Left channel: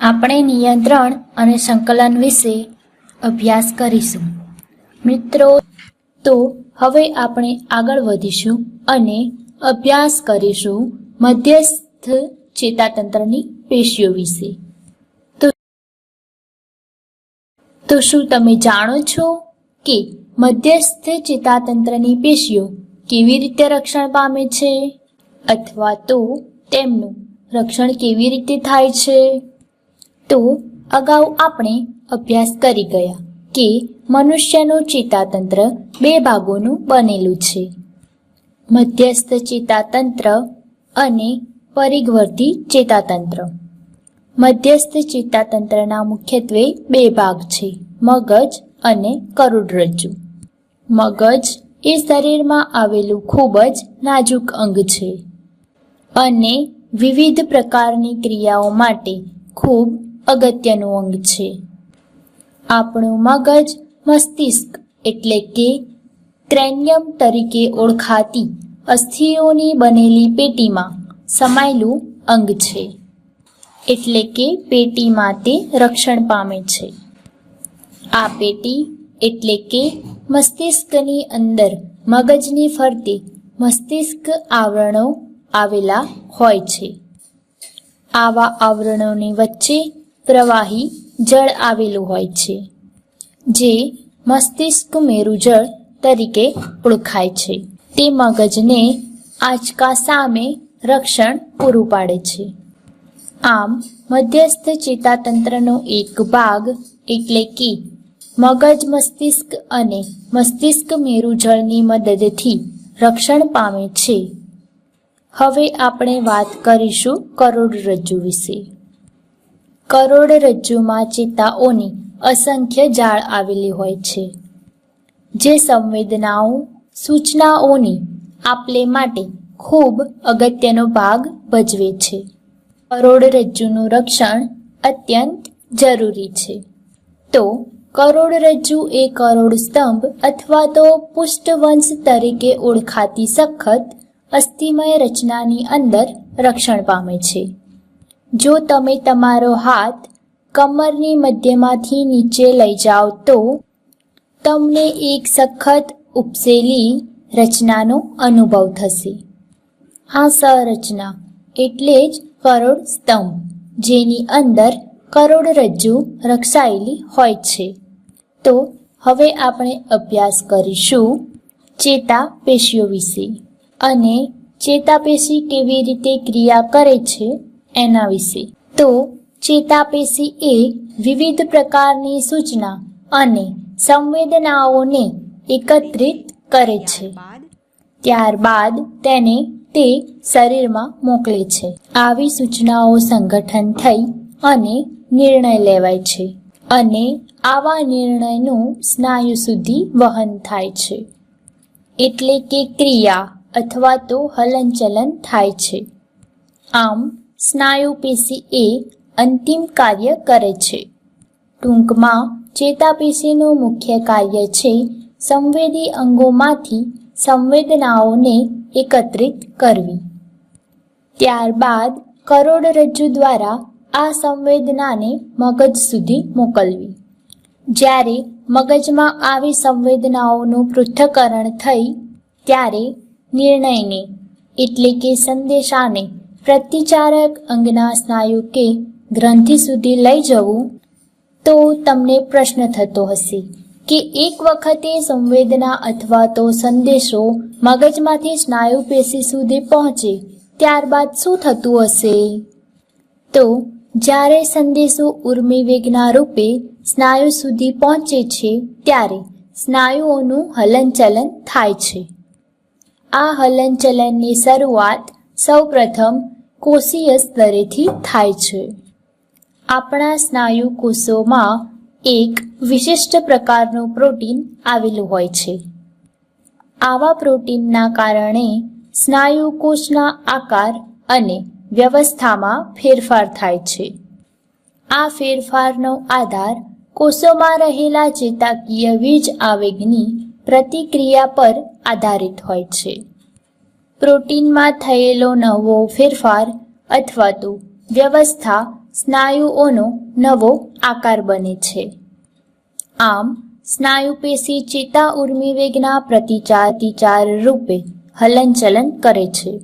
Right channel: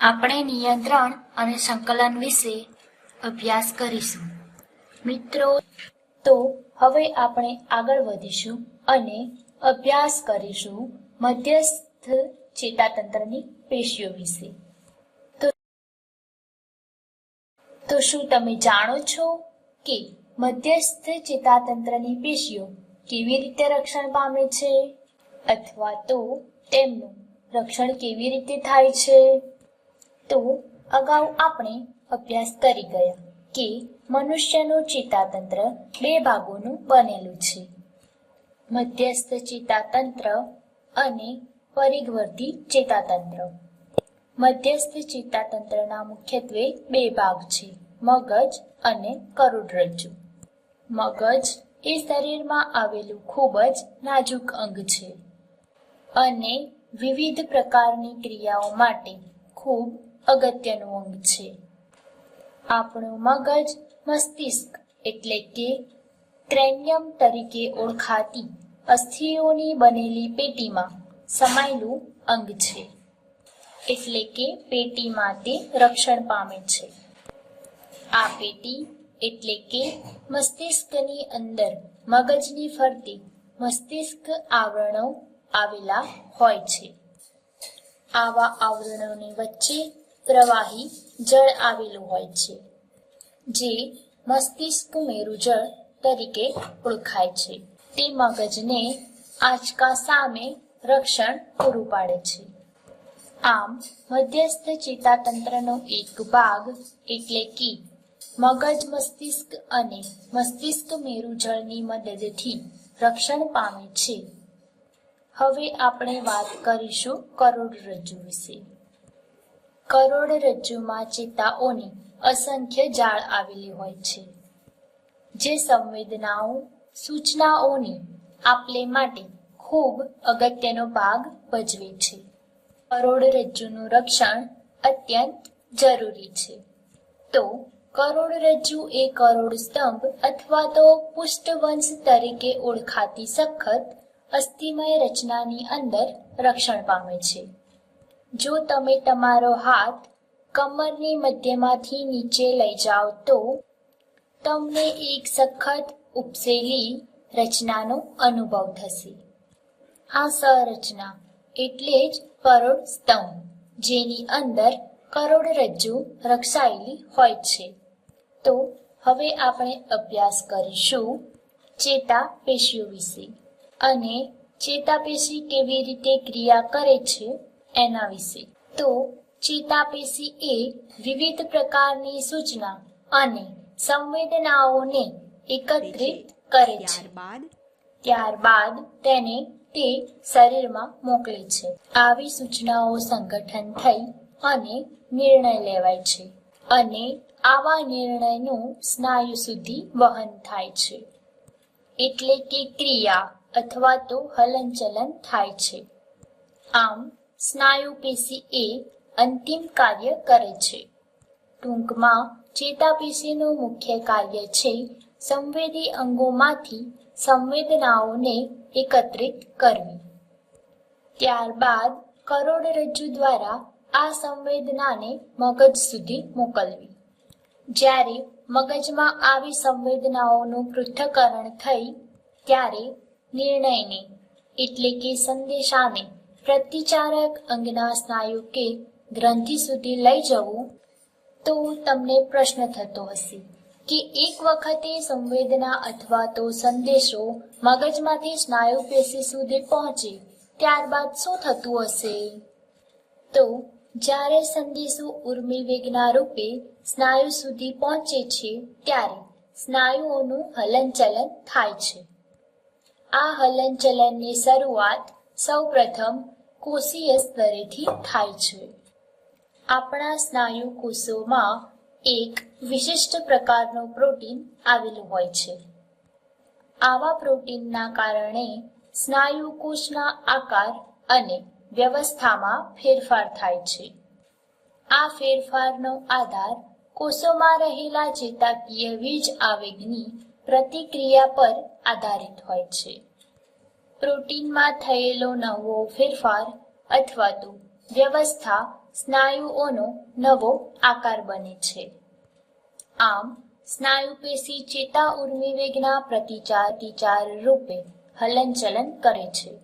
આપણે નિયંત્રણ અને સંકલન વિશે અભ્યાસ કરીશું. મિત્રો, તો હવે આપણે આગળ વધીશું અને અભ્યાસ કરીશું મધ્યસ્થ ચેતાતંત્રની પેશીઓ વિશે. તો શું તમે જાણો છો કે મધ્યસ્થ ચેતાતંત્રની પેશીઓ કેવી રીતે રક્ષણ પામે છે? અથવા તો તેમનું રક્ષણ કેવી રીતે થાય છે? તો અગાઉ આપણે અભ્યાસ કરી ગયા કે મનુષ્યનું ચેતાતંત્ર બે ભાગોનું બનેલું છે. મધ્યસ્થ ચેતાતંત્ર અને પરિઘવર્તી ચેતાતંત્ર. મધ્યસ્થ ચેતાતંત્રના મુખ્યત્વે બે ભાગ છે, મગજ અને કરોડરજ્જુ. મગજ એ શરીરમાં આવેલું ખૂબ જ નાજુક અંગ છે અને વિવિધ પ્રકારની ક્રિયાઓ માટે ખૂબ અગત્યનું અંગ છે. આપણું મગજ મસ્તિષ્ક એટલે કે ક્રેનિયમ તરીકે ઓળખાતી અસ્થિઓની બનેલી પેટીમાં સમાયેલું અંગ છે. એટલે કે પેટીમાં તે રક્ષણ પામે છે. આ પેટી એટલે કે મસ્તિષ્કની અંદર મગજની ફરતે મસ્તિષ્ક આવરણો આવેલા હોય છે. આવા આવરણોની વચ્ચે પ્રવાહી જળ આવેલું હોય છે, જે મસ્તિષ્ક મેરુજળ તરીકે ઓળખાય છે. તે મગજને આંચકા સામે રક્ષણ પૂરું પાડે છે. આમ, મધ્યસ્થ ચેતાતંત્રનો એક ભાગ એટલે કે મગજ મસ્તિષ્ક અને મસ્તિષ્ક મેરુજળની મદદથી રક્ષણ પામે છે. હવે આપણે વાત કરીશું કરોડરજ્જુ વિશે. કરોડરજ્જુમાં ચેતાઓની અસંખ્ય જાળ આવેલી હોય છે. જે સંવેદનાઓ, સૂચનાઓની આપલે માટે ખૂબ અગત્યનો ભાગ ભજવે છે. કરોડરજ્જુનું રક્ષણ અત્યંત જરૂરી છે. તો કરોડરજ્જુ એ કરોડ સ્તંભ અથવા તો પુષ્ટવંશ તરીકે ઓળખાતી સખત અસ્થિમય રચનાની અંદર રક્ષણ પામે છે. જો તમે તમારો હાથ કમરની મધ્યમાંથી નીચે લઈ જાઓ તો તમને એક સખત ઉપસેલી રચનાનો અનુભવ થશે. આ સંરચના એટલે જ કરોડ સ્તંભ, જેની અંદર કરોડરજ્જુ રક્ષાયેલી હોય છે. તો હવે આપણે અભ્યાસ કરીશું ચેતા પેશીઓ વિશે. અને ચેતાપેશી કેવી રીતે ક્રિયા કરે છે એના વિશે. તો ચેતાપેશી એ વિવિધ પ્રકારની સૂચના અને સંવેદનાઓને એકત્રિત કરે છે. ત્યારબાદ તેને તે શરીરમાં મોકલે છે. આવી સૂચનાઓ સંગઠન થઈ અને નિર્ણય લેવાય છે અને આવા નિર્ણયનું સ્નાયુ સુધી વહન થાય છે. એટલે કે ક્રિયા અથવા તો હલનચલન થાય છે. આમ સ્નાયુ પેશી એ અંતિમ કાર્ય કરે છે. ટૂંકમાં ચેતાપેશીનું મુખ્ય કાર્ય છે સંવેદી અંગોમાંથી સંવેદનાઓને એકત્રિત કરવી. ત્યારબાદ, કરોડરજ્જુ દ્વારા આ સંવેદનાને મગજ સુધી મોકલવી. જ્યારે મગજમાં આવી સંવેદનાઓનું પૃથ્થકરણ થઈ, ત્યારે નિર્ણયને, એટલે કે સંદેશાને પ્રતિચારક અંગના સ્નાયુ કે ગ્રંથિ સુધી લઈ જવું તો તમને પ્રશ્ન થતો હશે કે એક વખતે સંવેદના અથવા તો સંદેશો મગજમાંથી સ્નાયુ પેશી સુધી પહોંચે ત્યારબાદ શું થતું હશે? તો જ્યારે સંદેશો ઉર્મી વેગના રૂપે સ્નાયુ સુધી પહોંચે છે ત્યારે સ્નાયુઓનું હલનચલન થાય છે. આ હલનચલનની શરૂઆત સૌપ્રથમ કોષીય સ્તરેથી થાય છે. આપણા સ્નાયુ કોષોમાં એક વિશિષ્ટ પ્રકારનું પ્રોટીન આવેલું હોય છે. આવા પ્રોટીનના કારણે સ્નાયુ કોષના આકાર અને વ્યવસ્થામાં ફેરફાર થાય છે. આ ફેરફારનો આધાર કોષોમાં રહેલા ચેતાકીય વીજ આવેગની પ્રતિક્રિયા પર આધારિત હોય છે. પ્રોટીનમાં થયેલો નવો ફેરફાર અથવા તો વ્યવસ્થા સ્નાયુઓનો નવો આકાર બને છે. આમ સ્નાયુ પેશી ચેતા ઉર્મિ વેગના પ્રતિચાર પ્રતિચાર રૂપે હલનચલન કરે છે.